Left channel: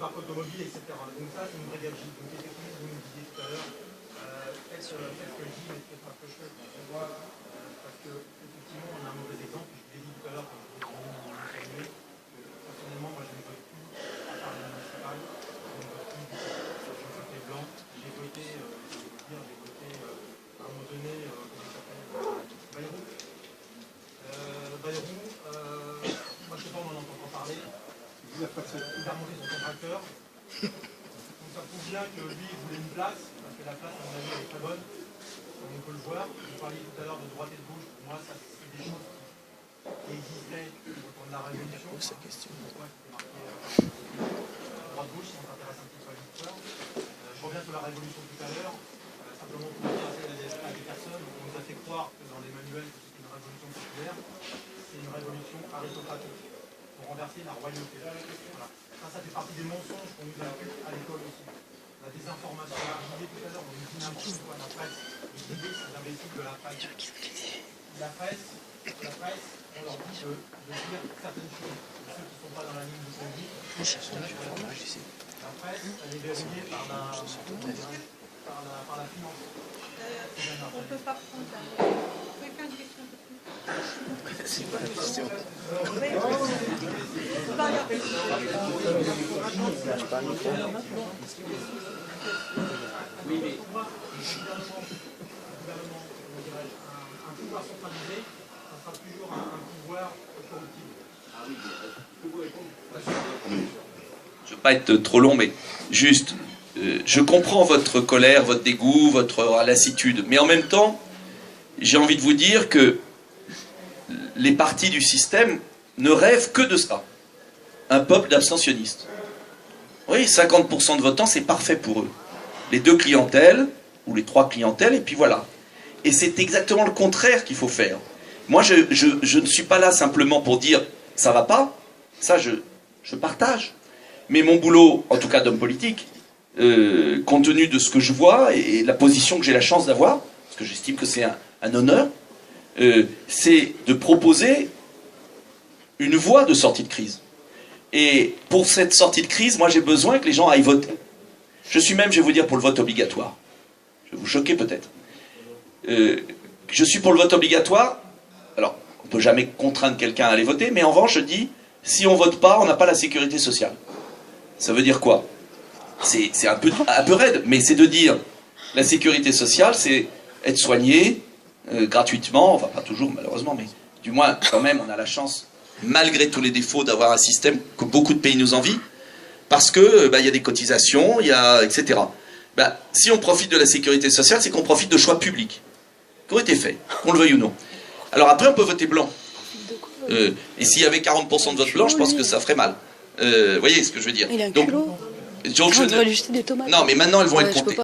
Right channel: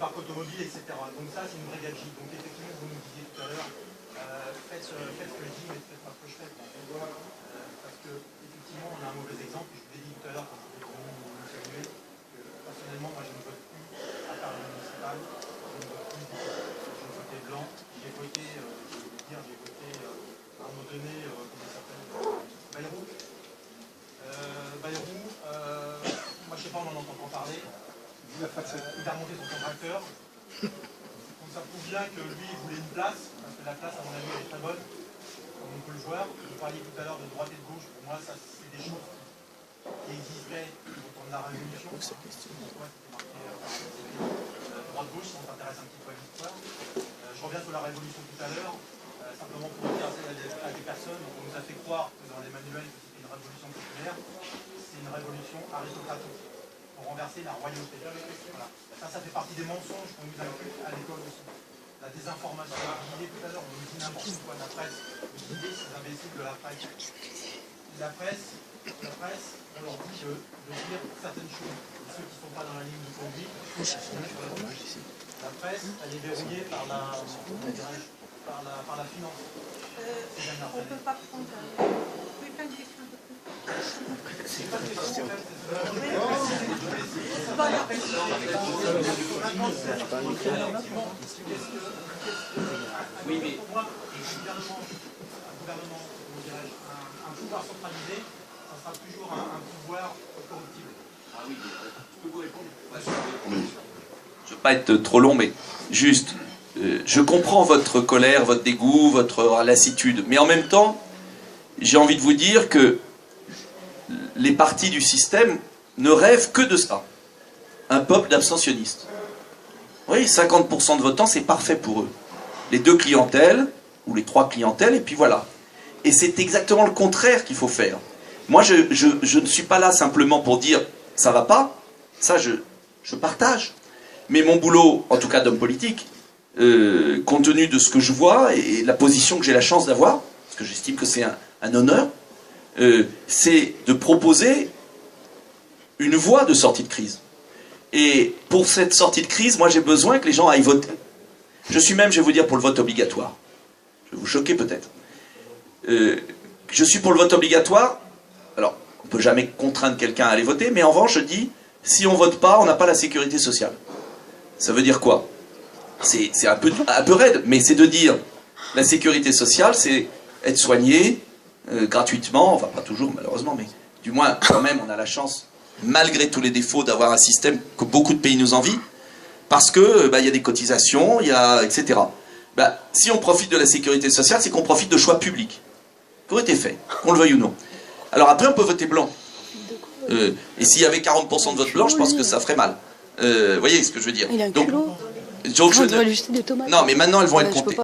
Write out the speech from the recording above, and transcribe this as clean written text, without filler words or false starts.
parc automobile, etc. Donc ça, c'est une vraie gabegie. Donc effectivement, vous nous disiez tout à l'heure, faites ce que je dis, mais faites pas ce que je fais. Parce que effectivement, on a un mauvais exemple. Je vous l'ai dit tout à l'heure quand vous êtes nous saluer, que personnellement, moi, je ne vote plus à part les municipales. Je ne vote plus du tout. J'ai voté blanc. J'ai voté, j'ai voté à un moment donné, comment il s'appelle, Bayrou. Bayrou, moi je sais pas, on en entend pas parler. Il a remonté son tracteur. Donc ça prouve bien que lui, il voulait une place, parce que la place, à mon avis, elle est très bonne, comme on peut le voir. Vous parliez tout à l'heure de droite et de gauche. Pour moi, ça, c'est des choses qui existaient au temps de la Révolution. Droite-gauche, si on s'intéresse un petit peu à l'histoire. Je reviens sur la Révolution tout à l'heure, simplement pour dire à des personnes, on nous a fait croire que dans les manuels, c'était une révolution populaire. C'est une révolution aristocratique, pour renverser la royauté. Voilà. Ça fait partie des mensonges qu'on nous inculque à l'école aussi. La désinformation, je disais tout à l'heure, on nous dit n'importe quoi, la presse, vous disiez ces imbéciles de la presse. La presse, on leur dit de dire certaines choses. Ceux qui ne sont pas dans la ligne de conduite, la presse, elle est verrouillée par la finance. On ne peut pas prendre quelqu'un de question. C'est pas une question. Oui, mais pour moi, un pouvoir centralisé, ça sera toujours un pouvoir corruptible. Ah oui, je peux vous répondre. Je ne veux pas être trop long, mais juste, je comprends votre colère, votre dégoût, votre lassitude, mais en même temps, j'ai envie de vous dire que les partis du système ne rêvent que de ça. Un peuple d'abstentionnistes. Oui, 50% de votants, c'est parfait pour eux. Les deux clientèles, ou les trois clientèles, et puis voilà. Et c'est exactement le contraire qu'il faut faire. Moi, je ne suis pas là simplement pour dire « ça va pas », ça je partage. Mais mon boulot, en tout cas d'homme politique, compte tenu de ce que je vois et la position que j'ai la chance d'avoir, parce que j'estime que c'est un honneur, c'est de proposer une voie de sortie de crise. Et pour cette sortie de crise, moi j'ai besoin que les gens aillent voter. Je suis même, je vais vous dire, pour le vote obligatoire. Je vais vous choquer peut-être. Je suis pour le vote obligatoire. Alors, on ne peut jamais contraindre quelqu'un à aller voter, mais en revanche, je dis, si on ne vote pas, on n'a pas la sécurité sociale. Ça veut dire quoi? C'est un peu raide, mais c'est de dire, la sécurité sociale, c'est être soigné gratuitement, enfin pas toujours malheureusement, mais du moins quand même on a la chance, malgré tous les défauts, d'avoir un système que beaucoup de pays nous envient, parce que y a des cotisations, etc. Si on profite de la sécurité sociale, c'est qu'on profite de choix publics, qui ont été faits, qu'on le veuille ou non. Alors après on peut voter blanc. Et s'il y avait 40% de vote blanc, je pense que ça ferait mal. Vous voyez ce que je veux dire? Il a un culot. Non, mais maintenant elles vont être comptées.